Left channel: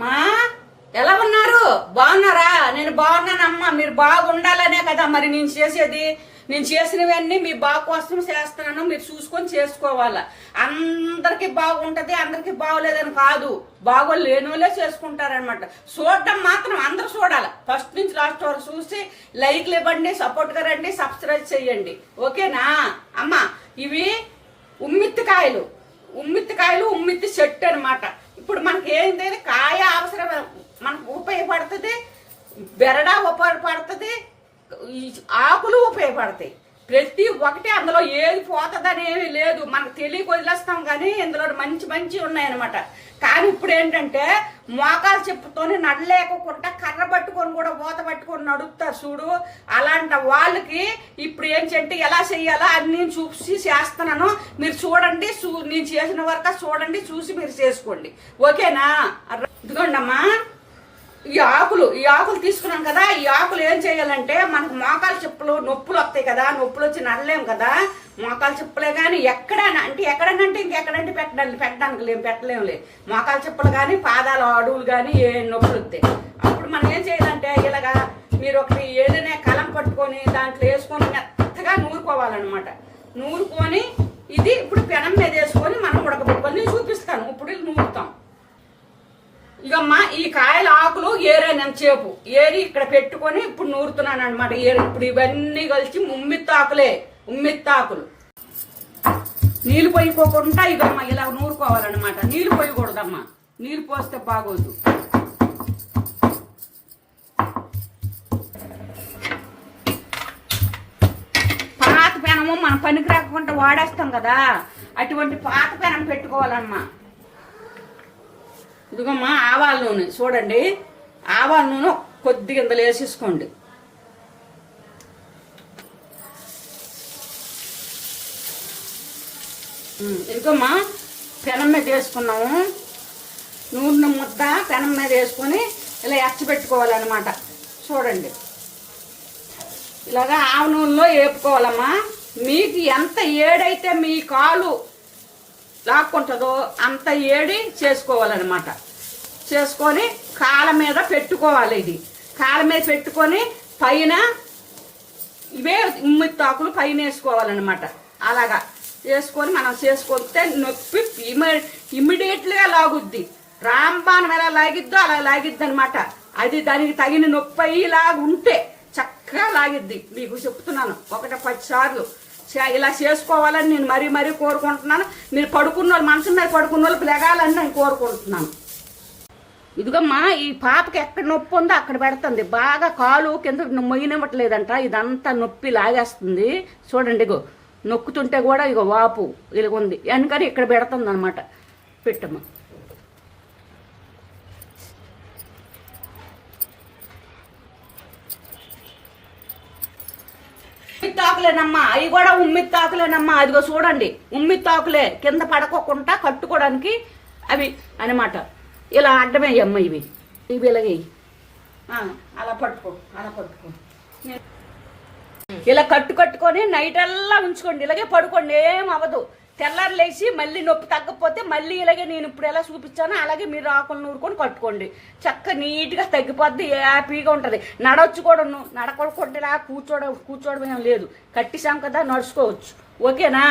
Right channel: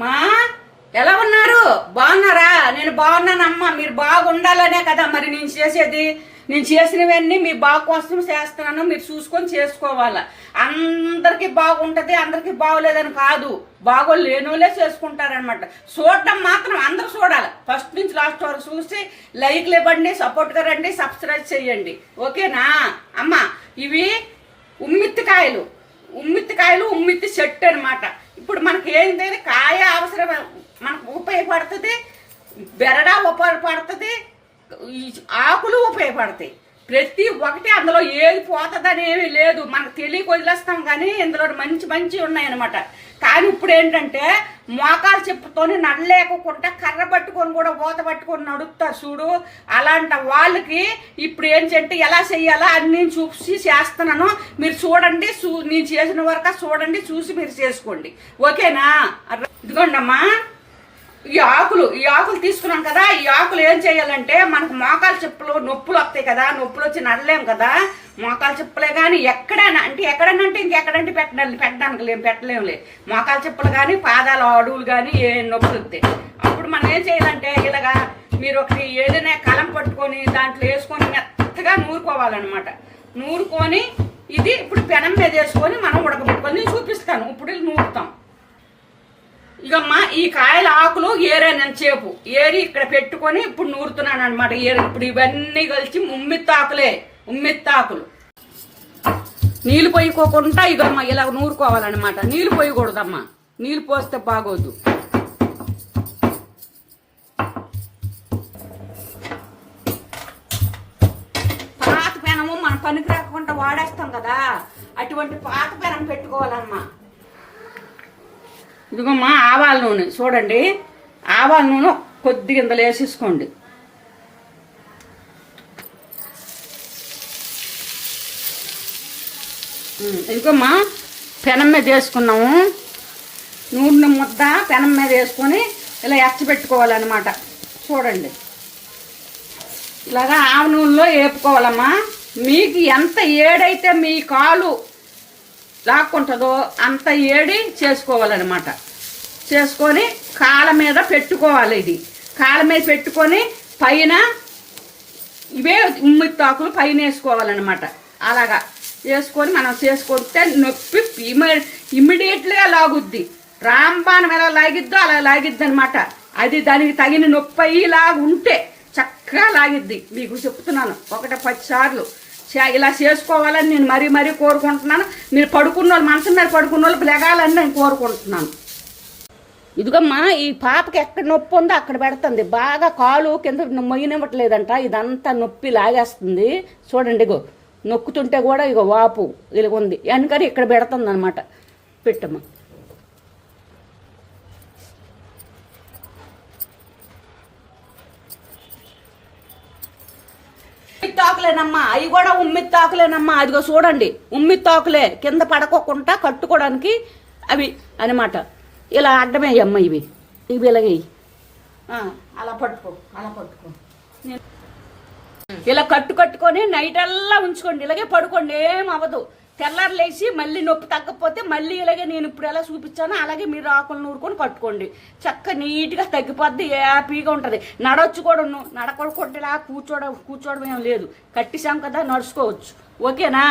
మా ఎలా ఉన్నారు? బాగున్నారా? నేను బాగున్నానమ్మా. మీరు బాగుండాలనే కదా మరి నేను చేసేది. నేను చేసినవన్నీ మీ బాగు కోసం చేస్తున్నాను. మీరు చూసుకొని చేసుకోవాలా. అందరికి బాగుంటది అందరికి బాగోలేదని కాదు. బాగోలు లేనోలే చేసుకుంటారనమాట చూడటం మాత్రం అందరూ చూడాలి. ఫస్ట్ నుంచి లాస్ట్ వరకు చూసి లైక్లు ఇవ్వండి సపోర్ట్గా రండి సబ్స్క్రైబ్ చేయండి. ఓకేనా? అమ్మా ఇవి ఉమ్మిత్తికాయలు. ఉమ్మిత్తికాయలు ఉమ్మిత్తి చెట్టు అన్నమాట. ఇప్పుడు మనకి ఏంటంటే కాయ అవసరం మనకు ఉపయోగపడుతుంది బెరడా ఉపయోగపడుతుంది ఆకులు ఉపయోగపడతాయి. ప్రతి ఒక్కటి అందులో ఏది పోతుందని ఏమీ లేదు. మనకు తెలియక వదిలేస్తాం కానీ ఇందులో మంచి మంచి ఉన్నాయన్నమాట. కానీ ఇప్పుడు ఏంటంటే మోకాలు చెప్పుతోని నడలేకుండా కర్ర పట్టుకొని కూడా ఊత పట్టుకొని నడుపుతారు చూడు. అలాంటి వాళ్ళకి ఇప్పుడు ఏంటంటే ఎలా చెయ్యాలో అని నేను చూసి చేస్తున్నాను. మీరు చూడండి చూ- నేను చేసిన వరకు చూడండి చూసి మీరు చేసుకోండి. ఓకేనా? ఇదిగోండమ్మా. ఆకులు తీసుకున్నాం కదా ఈ ఆకులు ఏం చేయాలంటే మనకు మోకాలు చెప్పులు నొప్పులు వస్తాయి కదా నొప్పులు వచ్చి నడలేము కదా. మోకాలు చెప్పులే కానీ ఎక్కడైనా అంటే ఎక్కడైనా అంటే ఇంకెక్కడంటే పెట్టడానికి పెట్టడానికి లేము పెట్టలేములే మోకాలు చెప్పులు కానీ పాదాలు అడుగులు కానీ ఏ నొప్పులు వస్తాయి. అప్పుడు మనం ఏం చేయాలంటే ఇలాగా మీరు ఒకటి ఏదైనా కలం పట్టుకొని దాంట్లో వేసుకొని మెత్తగా నూరుకోవాలన్నమాట. నూరుకొని ఇది ఇప్పుడు పెనం మీద వేసుకొని మనం ఉడకబెట్టుకొని చూపిస్తాను. ఇప్పుడు నూరుతాం. ఇకమ్మా ఈ కాయల ఆకులు చేపు. ఏరి ఇక్కడ పెట్టుకొని ఇప్పుడు నూరుతున్నాను అనమాట ఏరి. ఇప్పుడు ఇవన్నీ కలిసి ఉమ్మిత్తాకులే ఉమ్మిత్తాకులు నీళ్ళు పోయికోకుండా ఇదమ్మా ఇలా నూరుకోవాలన్నమాట. నీళ్ళు పోయకూడదమ్మా. నీళ్ళు పోస్తే బాగోదు. పాత పెనము మన పనికి రాకుండా వాడేస్తాం కదా. అటువంటి పాత పెనం పెట్టుకోవాలమ్మా. ఇదిగోమ్మా ఆవాల నూనె. చూడండి. ఆవా నూనె కొద్దిగా ఇంతలో వేసేసుకోండి. ఇంకోమ్మా ఇదిగోమ్మా పెనం మీద వేసుకున్నాము. నూనె ముద్ద పెనం మీద వేసుకొని ఇలా ఎచ్చబెట్టుకోవాలన్నమాట చూడండి. ఇలాగా ఆవ నూనెలో వేపుకోవాలమ్మా. మీకు ఎంత ఏడైతే మీ కాలు లాక్కుంటుందో అంత ఏడి చేసుకోవాలన్నమాట. చేసుకొని కాళ్ళ మీద పెట్టుకోవాలి ఇది. కాళ్ళ మీద పెట్టుకొని పైన ఇవే ఉమ్మిత్తాకులు పైన వేసుకోవాలన్నమాట. అలాగా వేసుకొని మనం చేసుకుంటే నొప్పి ఇమి ఇమ్మీడియట్గా లాగుద్ది. రాంబాణం ఎలా లాగిద్దో అలా లాగిద్ది అనమాట అది దానికి తగిన నొప్పి అయ్యేలాగా ఉంటే చక్కగా లాగిద్ది. మీకు చెప్తున్నాను ఒకటి పది సార్లు. చే- ఇలా చేసుకోవాలని నేను మరీ మరీ కోరుకుంటున్నాను. మీరు పడుకున్న వాళ్ళు మనసు మీద పడుకున్న వాళ్ళు లెగాలని నేను కోరుకుంటున్నాను. ఇదిగమ్మా ఈ పాపకి ఎక్కడ నొప్పి ఉందో అక్కడ పెడుతుంది. బాగా కాలు కింద మొయ్యనివ్వట్లేదంట. ఇదంతా నొప్పి లాగేస్తుంది. చూడండి ఇగో నొక్కుతుంటే కూడా ఇగో వాపు ఇలా ఉంది వెనకని ఇక్కడ పెడుతుంది అనమాట పెట్టమ్మా. తాకులేనమ్మా అవి కూడా ఉమ్మి తాకులేనమ్మా అదిగో చూడండి ఉమ్మి తాకులే కింద పడకోకుండా కట్టుకోవడానికి అవి అనమాట ఇలా అడ్డమేయమ్మ ఇవి. ఇవి ఇలాగేయి అలా పట్టుకో అలా పట్టుకో. ఇలా కట్టు కట్టుకొని నైట్ అల్లా ఉంచుకోండి. ఇలాగే పడుకోండి ఏం అవ్వదు. తెల్లారు లేచి మళ్ళీ నొప్పి తగ్గకపోతే మళ్ళీ ఇలాగే నేను ఇప్పుడు ఎలా చూపించానో అలాగే మీరు ఆకులు నూరుకొని కట్టుకోండి. చక్క నీట్గా తగ్గిపోద్ది హ్యాపీగా ఉంటుంది. నడవచ్చు కూడా నడకూడకుండా ఇలా కూర్చోవడం కూర్చోవడం ఏం లేదు. కట్టిసాం కదా నడుచుకోవచ్చు. ఓకేనా?